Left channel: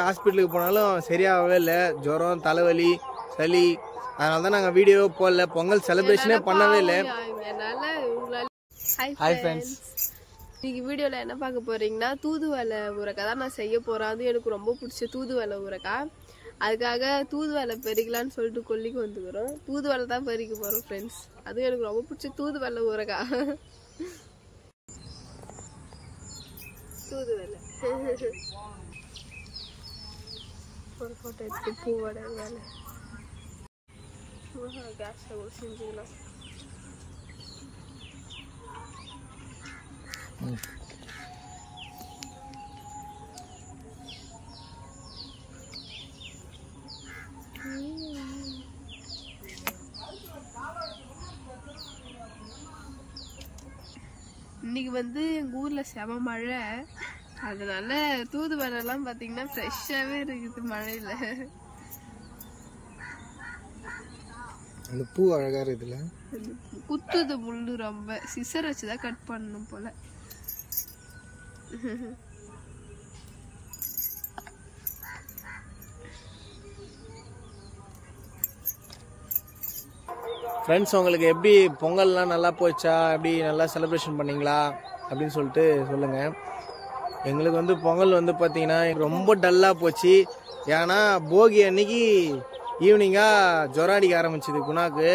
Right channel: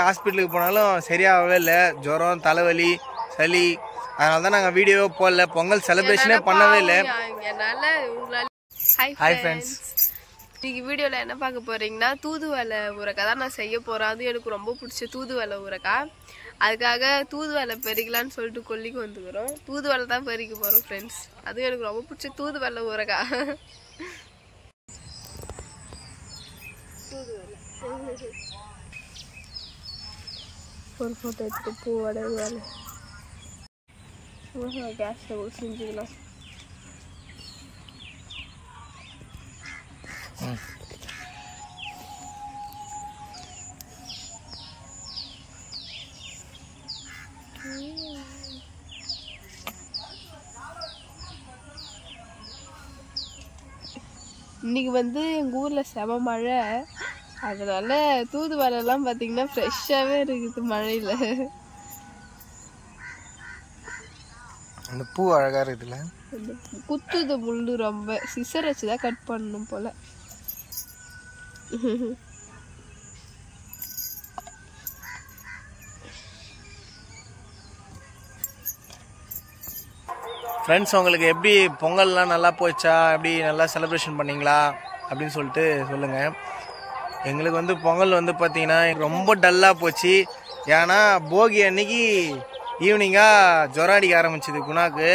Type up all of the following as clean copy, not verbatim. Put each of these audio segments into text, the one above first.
ஹாஸ்பிட்டலுக்கு போனாலும் சரியாகவே இல்லை. ஜுரம், தலைவலி, சளி. அதனால தான் நாங்கள் வீடியோவே போடல. பொங்கல் செலிப்ரேஷனே பண்ணவே இல்லை. ஹாய் ஃப்ரெண்ட்ஸ், இன்னைக்கு வீடியோவில் என்ன பார்க்க போகிறீங்கன்னா தூதுவளை ஊறுகாய் தான் நான் செய்ய போகிறேன். அதுவும் எனக்கு ரொம்ப பிடிச்ச தூதுவளை ஊறுகாய். அதுக்காக தூதுவளை பறிக்கலான்னு சொல்லிட்டு கொல்லிக்கு வந்துக்கிறோம். தூதுவளை தான் பறிக்க போகிறோம் ஃப்ரெண்ட்ஸ். அதுவும் எனக்கு ரொம்ப பிடிச்ச தூதுவளை ஊறுகாய். தூதுவளை ஒரு ஃபோட்டோ எடுத்து பூவோட வேலை கேஸ் செஞ்சுக்கலாம். இன்னைக்கு எங்கள் ஊரில் செம மழை. அதனால தூதுவளைலாம் பார்த்தீங்கன்னா ஃப்ரெஷ்ஷாகவே இருக்குது மழையில். அந்த பூ அழகாக இருக்குதுல்ல. குத்துது முள்ளு, ரொம்ப சிசர் வச்சு தான் கட் பண்ணணும் போல. ஃப்ரெண்ட்ஸ், உங்களுக்கு எப்படி பொங்கல்லாம் நல்லா போச்சா? எப்படி நல்லா செலிப்ரேஷன் பண்ணிங்களா அப்படின்னு சொல்லிட்டு சொல்லுங்கள். எங்களுக்கு பொங்கல் பார்த்தீங்கன்னா ரொம்ப டல்லாக போச்சு. ஏன்னா போகி அன்னைக்கு ஈவினிங்காக ஜுரம் அடிக்க ஆரம்பிச்சிது குணாக்கு.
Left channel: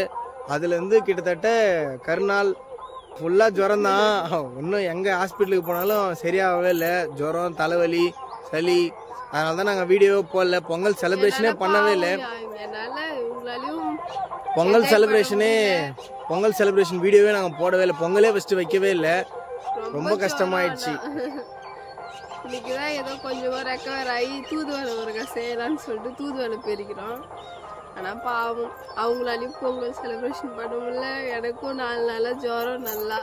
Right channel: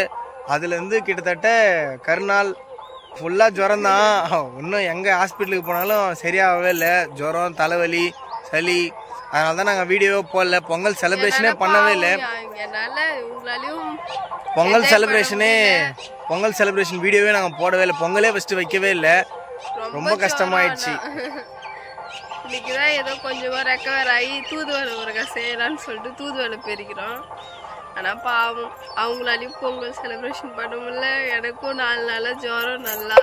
அதுலேருந்து கிட்டத்தட்ட கருநாள் ஃபுல்லாக ஜுரம் தான். இன்னும் எங்கே ஹாஸ்பிட்டலுக்கு போனாலும் சரியாகவே இல்லை. ஜுரம், தலைவலி, சளி. அதனால தான் நாங்கள் வீடியோவே போடல. பொங்கல் செலிப்ரேஷனே பண்ணவே இல்லை. பொங்கல் செலிப்ரேஷன் வீடியோவே நாங்கள் போடவே இல்லை. பொங்கலே ஃபஸ்ட்டு வைக்கவே இல்லை. ரொம்ப கஷ்டமாயிடுச்சு. இன்னைக்கு தான் ஏதோ கொஞ்சமாக ரெக்கவர் ஆகி தூதுவளை ஊறுகாய் செய்யலான்னு சொல்லிட்டு தூதுவளை பெருக்கிறோம். ஆனால் பாவம், அவங்களாலையும் பொங்கல் செலிப்ரேஷன் பண்ண முடியல. எனக்கும் 4 நாளாக ஜுரம் நல்லா.